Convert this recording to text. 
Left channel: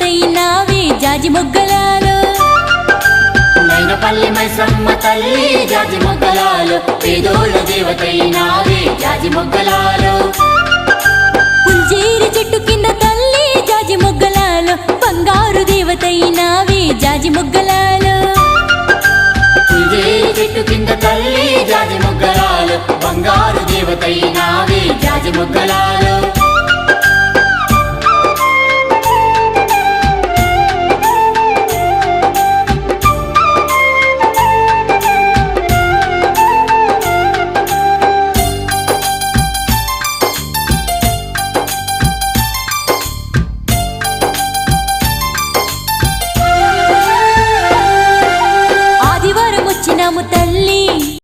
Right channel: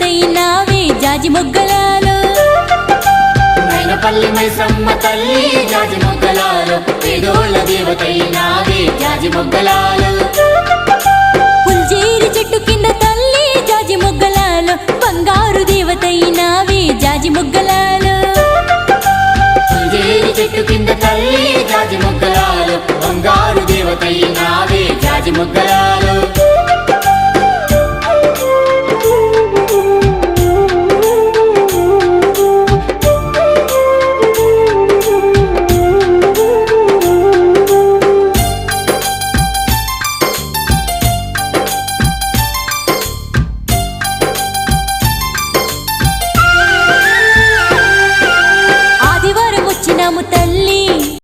దేవతైనావే జాజి మొగ్గలాలో మైనపల్లి మైసమ్మ తల్లి జాజి మొగ్గలాలో పేదోళ్ళ దేవతైనావే జాజి మొగ్గలాలో పుల్జేరి చెట్టు కింద తల్లి జాజి మొగ్గలాలో బంగారు దేవతైనావే జాజి మొగ్గలాలో